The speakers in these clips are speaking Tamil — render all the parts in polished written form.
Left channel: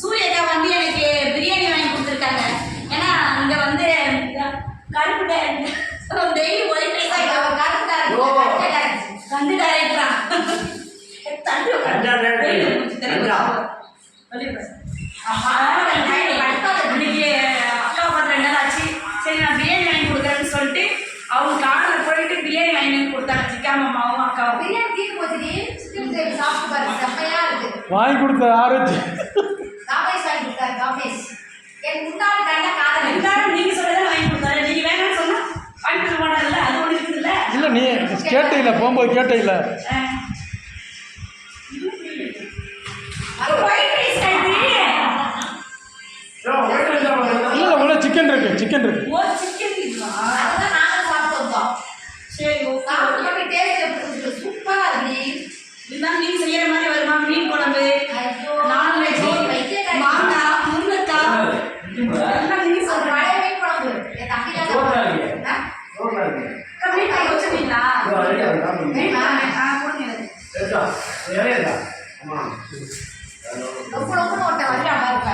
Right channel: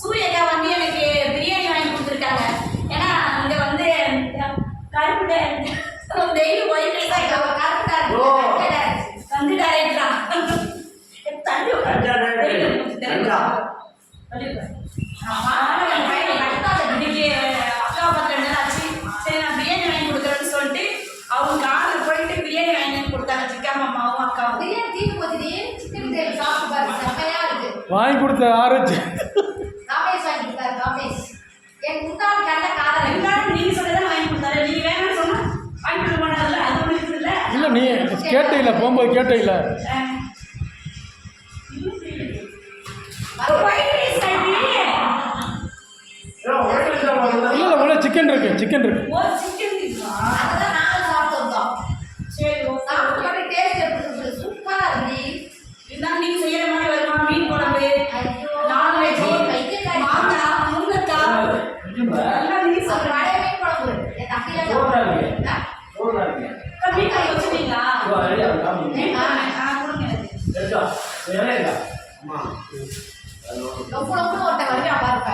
சூரியக்கா வந்து எனக்கு பிரியாணி வாங்கி கொடுத்துருக்காங்க. ஏன்னா இங்க வந்து கருப்பு டெய்லி ஒயிட் வந்து டைரக்டா அக்கா பார்த்து சரி நான் பிரியாணி வாங்கி கொடுக்குறேன்னு சொல்லிட்டு அவங்க காரில் போயிட்டு பிரியாணி வாங்கி கொடுத்தாங்க. சிக்கா மாமாவும் அக்காவும் பிரியாணி தீர்ந்து போச்சு. சிக்கன் கிரேவி சாப்பிட்டு பாருங்க, செம்மையா இருக்கு. வாங்கி கொடுத்த ஆரஞ்சு காபேஷ் வாங்கி கொடுத்தாரு. காபேஷ் என் முன்னாள் கண்ட காதல் எல்லாரும் நீங்க சொல்லதான் வாங்கி கொடுத்தாரு. நீங்க வேணும்னு சொன்னா வாங்கி கொடுக்க மாட்டாங்கல்ல, அது ஒண்ணு இருக்குல்ல. இல்ல நீ கேட்ட இல்ல, போகும்போது கேட்ட இல்ல. இல்ல உள்ள சிக்கன் இருக்கு, சிக்கன் இருக்கு. ஓ சிக்கன் இருக்கா? அதான் நாங்க சாப்பிட்டோம். சரி ஓகே. சாப்பிட்டு பாத்து டேஸ்ட் எப்படி இருக்கு? சூப்பரா இருக்கு. இதான் நீங்க செய்யற மாதிரி வருமா? மீன் குழம்பு, நான்வெஜ், மாங்காய், முருங்கைக்காய் எல்லாம் நீங்க சொல்ற வடை மீன் குழம்பு. என் தம்பில ரோட்ல இருக்கு. கம்மி காய் வச்சிட்டீங்களா? ரெடியா இருக்கா? கொடுங்க எனக்கு. சரியா? அம்மா. ரொம்ப ஒட்ட வரையா பாருங்க.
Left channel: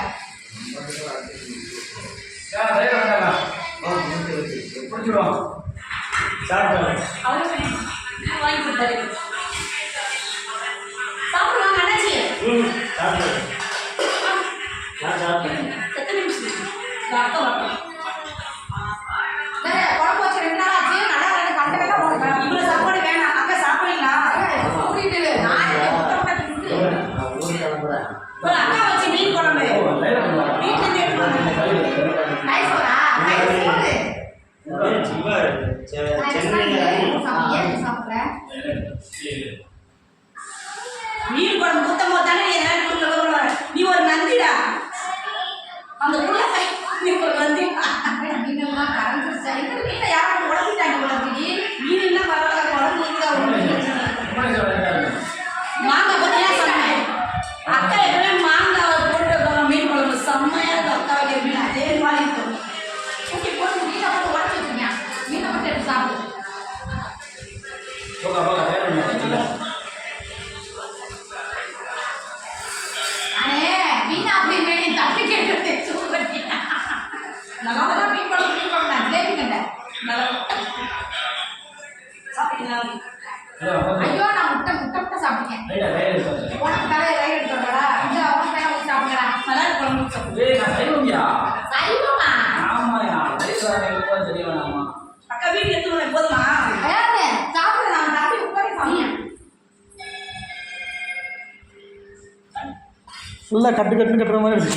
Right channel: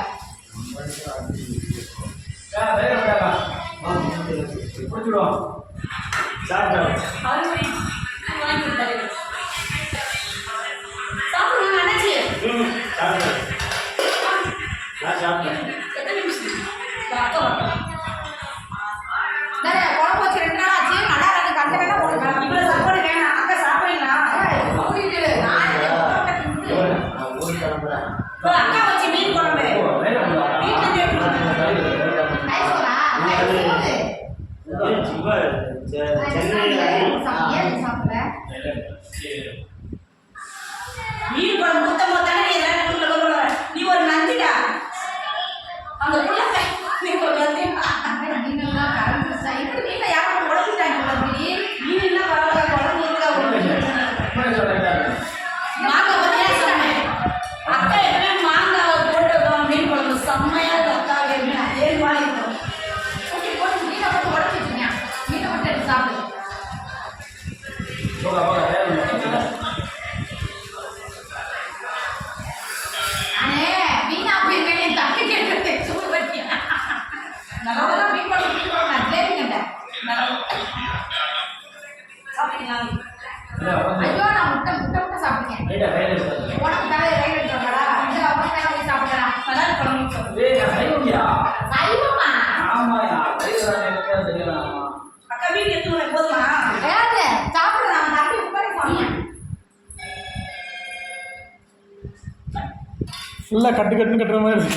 வாங்கி கொடுத்தாரு. சாப்பிடுவாங்க அண்ணாச்சி. எத்தனை நிமிஷம்? அக்கா வரட்டும். குழம்பு வச்சு 2 நாள் ஆச்சு. நல்லா இருக்கு. கண்ட வேலை இவ்வளோ சாப்பாடு வேணாம். அக்கா சாப்பிடுறீங்களா? கூட்டிட்டு அக்கா வச்சு மீன் குழம்பு மீன் குழம்பு குத்தம் போதானே நீ ஒரு நந்திடா. அந்த புள்ள ஒரு நந்தி மீனெல்லாம் கறந்துருச்சா? எங்க வீட்டுல யாரும் உடச்சிட்டாங்க உடம்பி. மீன்லாம் பரவாயில்ல, குழம்பு மாங்காய் பத்தியா சொன்னேன். அக்கா எப்பவுமே மாங்காய் போட்டு மீன் குழம்பு செம்மையா அக்கா மீன் அதே மாதிரி இருக்கும். ஓகே போட்டு மீனை போட்டு உடச்சி வச்சுருங்க. மீனை மட்டும் எடுத்து சாப்பிடு. அண்ணே மீன் அப்படின்னு தப்பி கேட்டு சூடு பண்ணி நல்லா மீன் குழம்பு நான் ஜிலேபி கண்டேன். நல்லா சாப்பிட்டீங்களா? ஐயோ நான் முட்டை சாப்பிட்டேன். உனக்கு தலையை ரைட் எடுத்துடா. இந்த அவங்க பேரை போய் சாப்பிடுறா. நல்லா குழம்பு சைவமா? அக்கா வீடு எடுத்து போதுமா? சாப்பிடுற நான் தம்பி உட்காரி சாமியா ஃபுல்லாக கட்டுன்னு கட்டுற மாதிரி இருக்கு.